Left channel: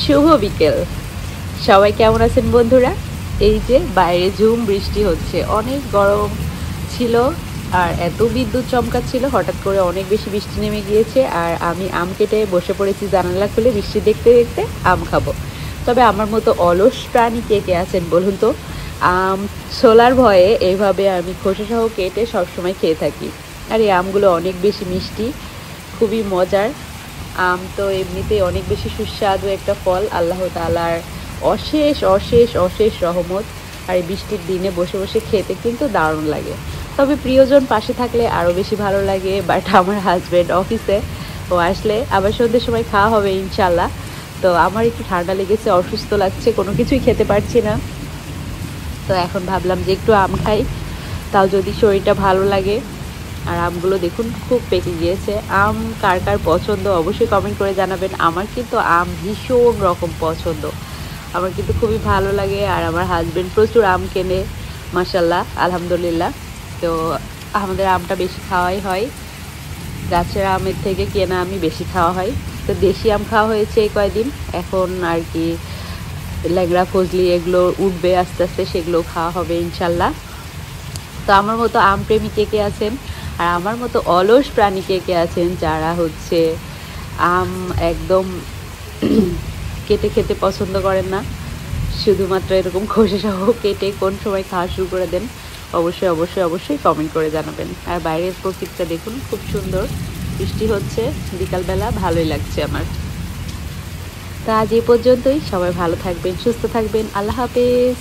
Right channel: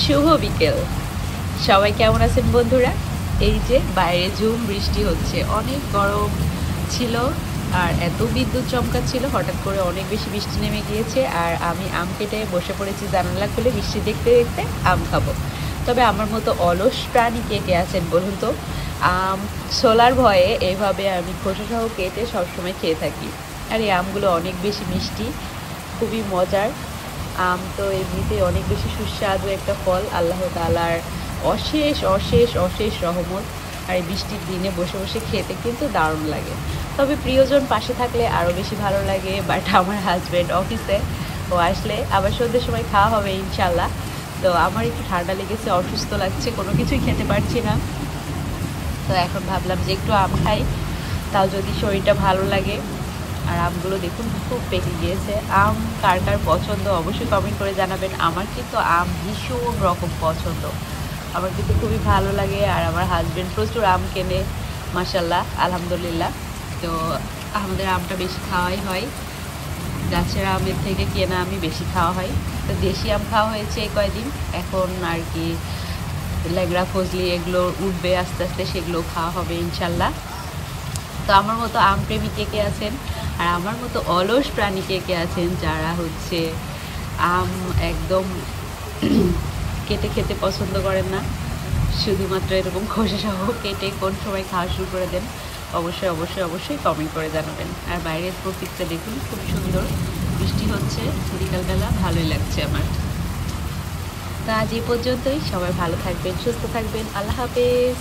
শুভ বিকেল। সবাই কেমন আছেন বন্ধুরা? এই যে বাইরে ঝুম বৃষ্টি হচ্ছে, অনেক গরম ছিল আর এত বিদ্যুৎ চমকাচ্ছিল, হঠাৎ করে অনেক বেশি বৃষ্টি নেমে গিয়েছে। আর আমি আম কেটে বসে পড়েছি জানালা খুলে, বৃষ্টি দেখতে দেখতে আম খাবো। তবে আমার মতো অলস প্রাণী কে কে আছেন বলুন তো? আম ছোলার ভয়ে এইভাবে আমি খোসাসহ কেটে সবসময় খেয়ে থাকি। আর এই আমগুলো অনেক বেশি মিষ্টি, খুবই মজার। আম তো এমনিতে অনেক বেশি সুস্বাদু একটা ফল, আল্লাহ তাআলার অশেষ অশেষ অশেষ রহমত। আর এই বৃষ্টির দিনে বসে বসে খেতে কিন্তু দারুণ লাগে। তবে প্রিয়জন পাশে থাকলে আরও বেশি ভালো লাগে। বাট আমার হাজব্যান্ড অফিসে, ও আসলে আবার সন্ধ্যের সময় খাওয়া হবে ইনশাল্লাহ। তো আমার একটু ঠান্ডা লেগেছে, অসুস্থ লাগছে, কোনো কিছুই খেতে পারছি না। তো এখন ভাবলাম যে একটু আম খাই, তাও যদি শরীরটা ভালো লাগে। আর আমগুলো দেখুন খুব পেকে গিয়েছে। আম কার কার পছন্দ অবশ্যই কমেন্ট করে জানাবেন। আমার কিন্তু আম ভীষণ রকম পছন্দ, আমার কিন্তু খুবই ভালো লাগে। আর আমার হাজবেন্ড প্রচুর আম কেনে, মাশাল্লাহ আলহামদুলিল্লাহ। তো আমাদের আমটা বেশি খাওয়াই হয়, গাছের আমের থেকে কেনা আমি বেশি খাওয়া হয়। তো দেশি আম খাওয়া হয়েছে এই কয়দিন, এখন আর কি ল্যাংড়া ফজলি এগুলো উঠবে আস্তে আস্তে, সেগুলো খাওয়া হবে ইনশাল্লাহ। তো আমার মতো আম প্রেমী কে কে আছেন, আর আমার মতো অলস প্রাণী কে কে আছেন যারা হচ্ছে আম একদম কেটে খেতে পছন্দ করেন না, শুধুমাত্র এরকম খোসা সহ কেটে কোন সময় খাওয়া শুরু করে দেন? অবশ্যই অবশ্যই অবশ্যই কমেন্ট করে জানাবেন। আর বাইরের প্রকৃতিটা দেখুন খুব সুন্দর, বৃষ্টি হচ্ছে বিকালবেলা, ভালোই লাগছে আমার। তা আজ এই পর্যন্তই, সবাই ভালো থাকবেন, সুস্থ থাকবেন, আল্লাহ হাফেজ।